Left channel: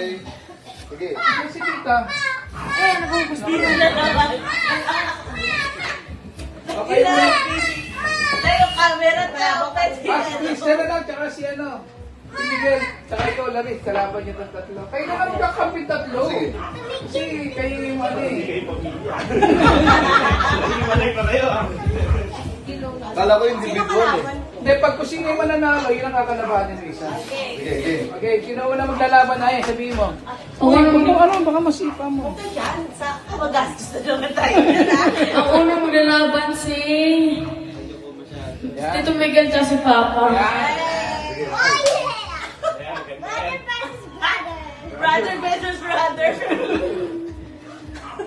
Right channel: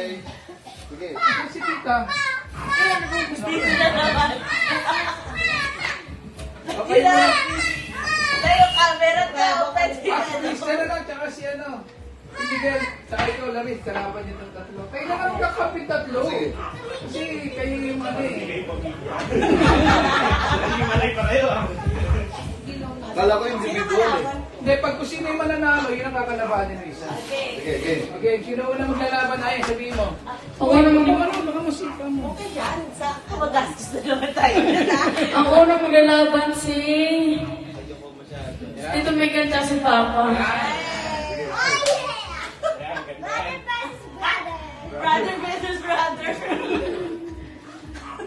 Sige. Si Tita. Okay na. Yung camera na. Si Kristen na lang, tsaka si ano. Si Miguel, tsaka ito, Laris, kalaban niyo ng tatlo. Kayo na lang kakapit tatlo. Kasi kayo yung ano eh. Naghiwalay pa kayo ah. Kala ko yung individual eh. Hindi, pag kung sino yung mananalo, yun ang kakalabanin ng isa. Sige. Okay, sino una maglalaban na eh, sabihin mo. Okay, baka masipa mo. Yan, sa magastos na naman tayo. Ako na maglalaban si Tito Miguel kasi Papa. Brother versus brother.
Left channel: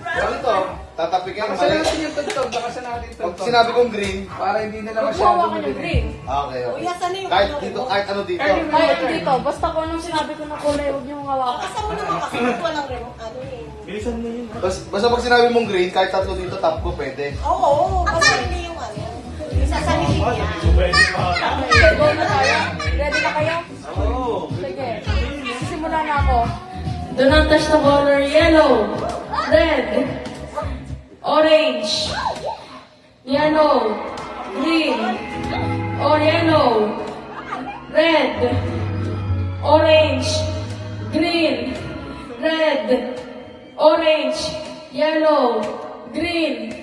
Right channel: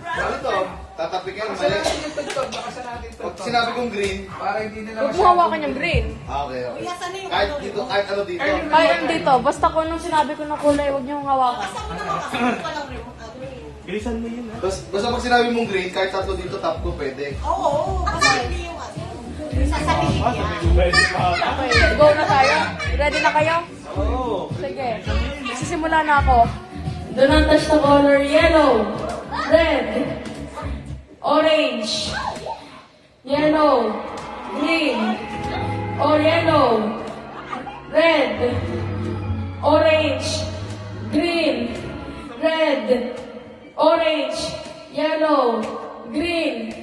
Ganito, tatapikin Kasi mali. natin yung tugtog, baka sa natin Pag tugtog. sinabi kong green, Para hindi nila Huwag mo hawakan yung green. okay. Kuya, sana yung Kahit ano? dito, kahit ano dito. Kahit dito, basta kung anong sinabi ko na kulay, huwag niyong hawakan. Basta mo naman kasi walang ano eh. Bilisan mo yun. Basta pag sinabi mong green, kahit tatlo dito, tap ko pwede. Oo, kasi hindi yung ano. Sasalihin niya. Okay, go na tayo. Ready na kayo? Oo. Sige. Sisimula na ako. Do not touch the color yellow, red, orange, yellow, green, or yellow, red, orange, green, red, orange, yellow, green,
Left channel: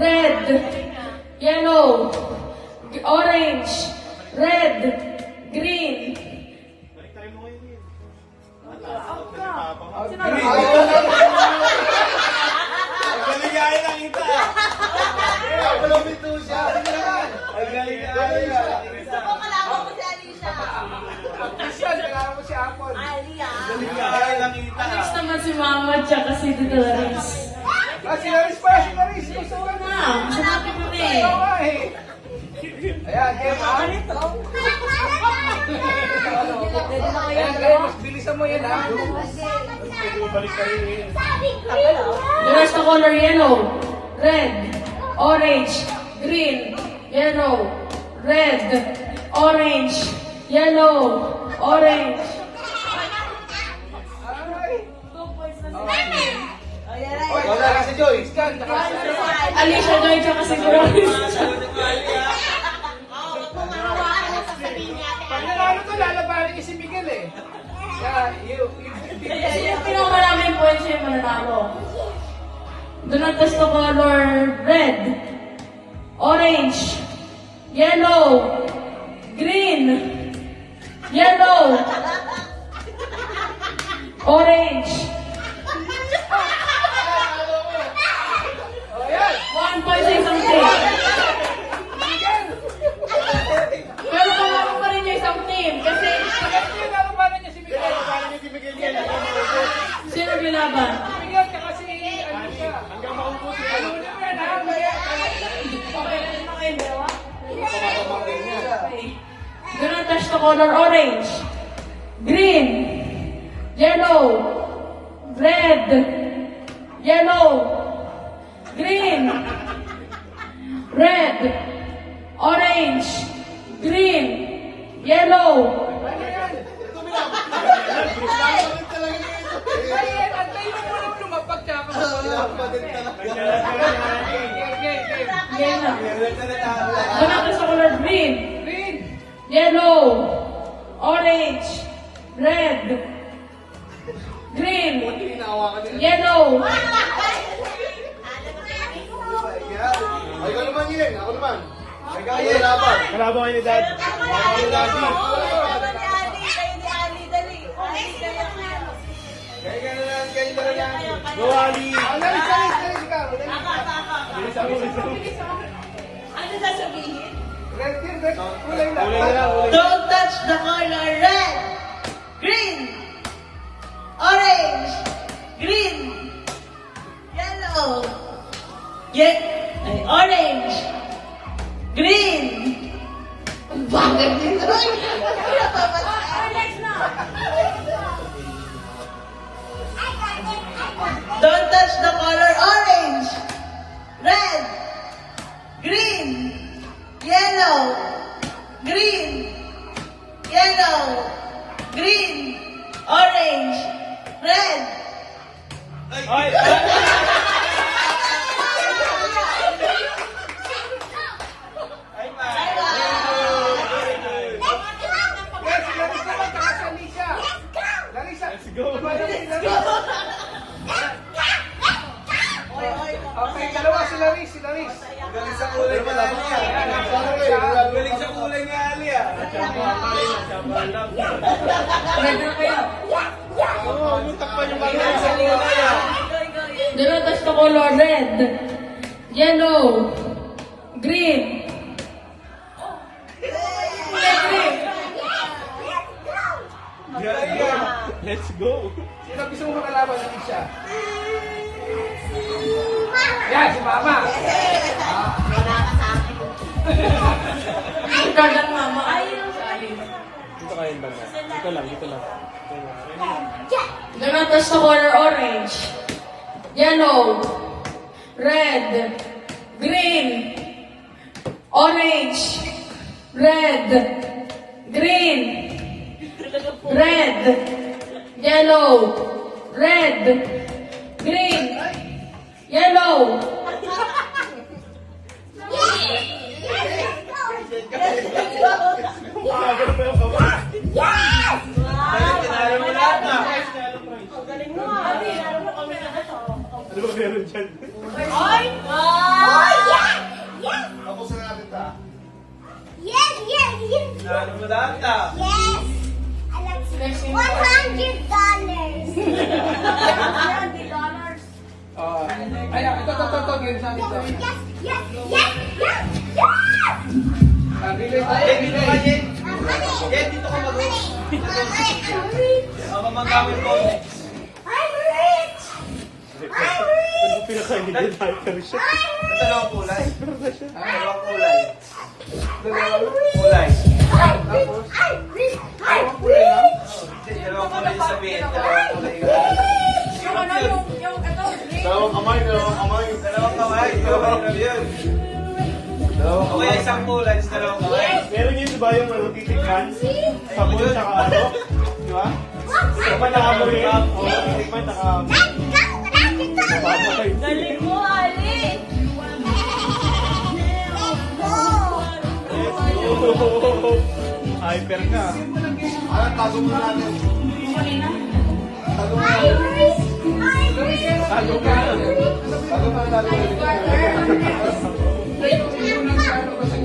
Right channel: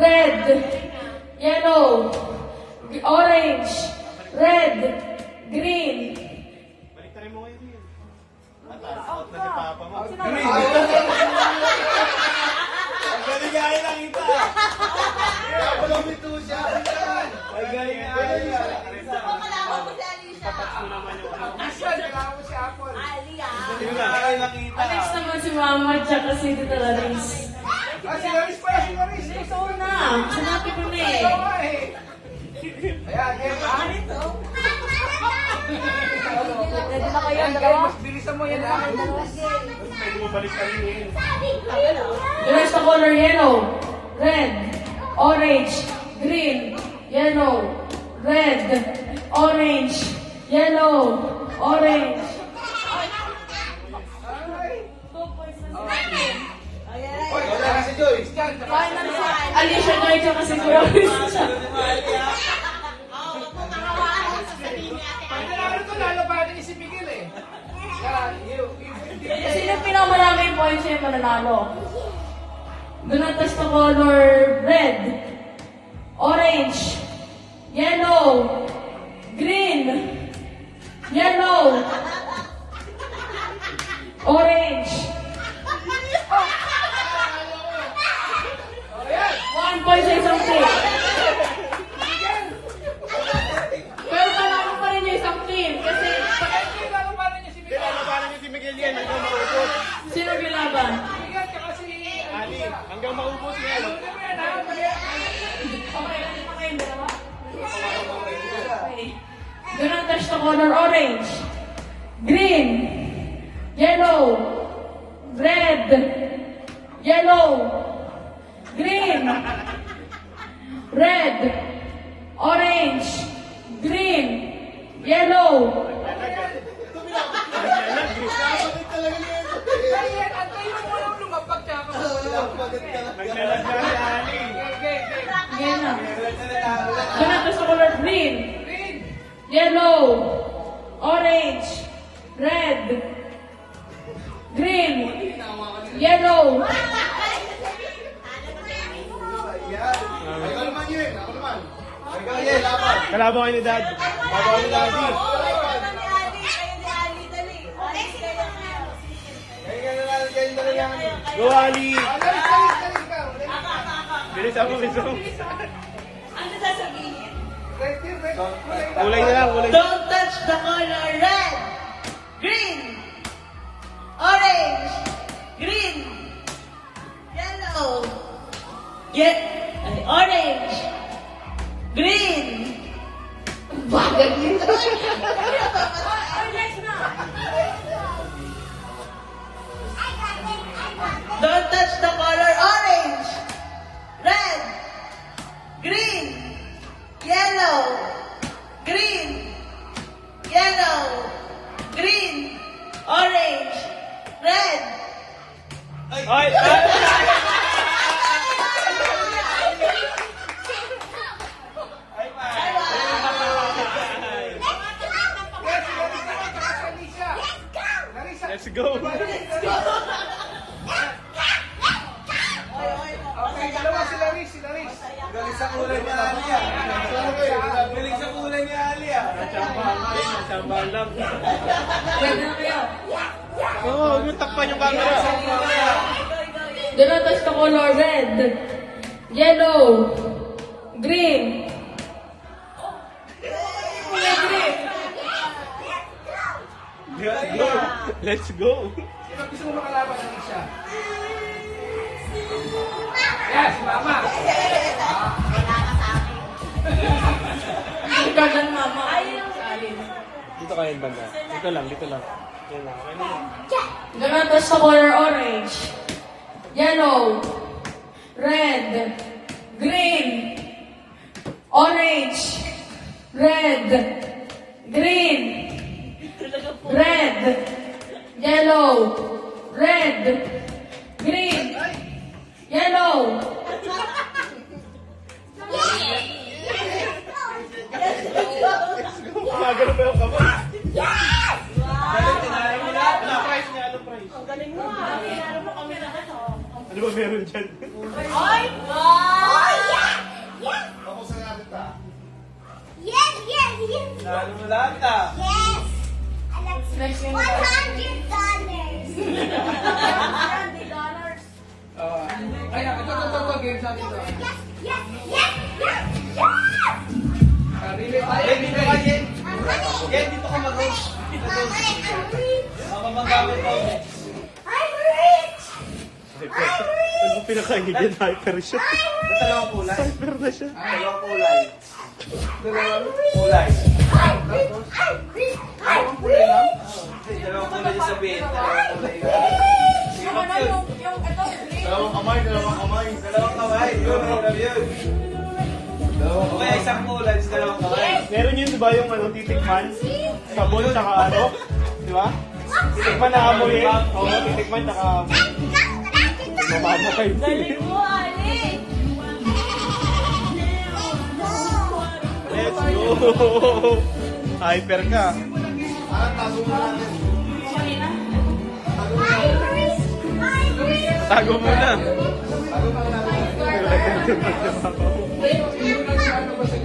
red, yellow, orange, red, green. Ang galing-galing lang kita. Malapit siya. Ang galing-galing lang. Ako kalaban ko si Alicia. Siya, nagkakaroon ko si Apple. Alia. Galing-galing lang kita. Next naman si Mama tsaka si Tita Laris. Si Laris pa, si Laris. Gusto ko na. Sinabi ko na Ayaw eh. nga eh. Ayan, kaya ba? Ayan, kaya mas bilisan mo yan ah. Balik ka rin yun. Do not the color yellow, red, orange, green, yellow, red, orange, yellow, orange. Wala na si Joyce. Alicia Joy tsaka si Laris. Pag nanalo ka, lalabanin niya si Miguel eh. Kaya, Kasi yung pinakamaraming points yung mananalo. Do not touch the color red, orange, yellow, green, yellow, orange. 1 point sa isang team. Pero panalo pa rin yung isang team kasi lalabanin niya si Miguel. sino gilaban? Miguel, tsaka si Alicia. Do not touch the color orange, green, yellow, red, yellow, green, red, orange, green, yellow. Yan na. Do not touch the color green, yellow, orange, red, green, yellow. Ako naman yun. Ako naman. Kaya laban. Karabo kayo, Dad. Karabo kayo, Daddy. Kayo na lang. Go, Ali. Bilisan mo, bilisan mo. Ano sasabihin? Kulay na lang, kulay. Don't touch the color red, green, orange, green, yellow, orange, green. Bagay dito. Don't touch the color orange, red, green, yellow, green, yellow, green, orange, Let's go. Okay, dalawa sila Riz, sila Riz. Galing sa kulay pa lang yan. Galing sa kulay ni Ali ah. Pwede na kayo. Oo, yung takpan yung galing sa Go, go, go. Do not touch the color red, yellow, green. Green. Let's go. Sino gusto mo makalaban ng isa? Yan, si Mama. Ang kagan mama. Dito kayo banda. Dito lang, dito lang. Do not touch the color orange, yellow, red, green, orange, red, green, red, yellow, red, green, yellow. Ang galing mo, Ali. Alam mo kami na ito. Ano ba meron dyan? Ay! Oh, yeah! Yeah! Tapos na natin ta. Yes, yes, yes! Nalo mo lahat ah. Yes! I like $100. $100. Ay, ito, bilisan nito. Yes, yes, yes, yes, yes! Relay tayo, Yen, dito ka, relay. Yen. Yen, dito ka mag-host. I'm rich! Ako mag-gamit mo. I'm rich! I'm Ano rich! pinakain niya tayo pero siya? I'm Dalawang kulay. Pero na siya. Dalawang kulay. Dalawang kulay. I'm rich! I'm rich! I'm rich! Dalawang kulay yung sabihin. Dalawang kulay. Yung ano, yung Dalawang kamay, dalawang kamay. Dalawang kamay. Dalawang yun. O kaya isang kulay, dalawang kamay. Meron yun ba yung ano, titikman? Sabon sa ano? Di ba? Dapat nakakabigam. Titikman nakakabigam. Galing mo, Ali! Hyper ka. Ah, tago mo natin. Tago mo natin. Tago mo na. Tago mo natin. Yung ano ba sa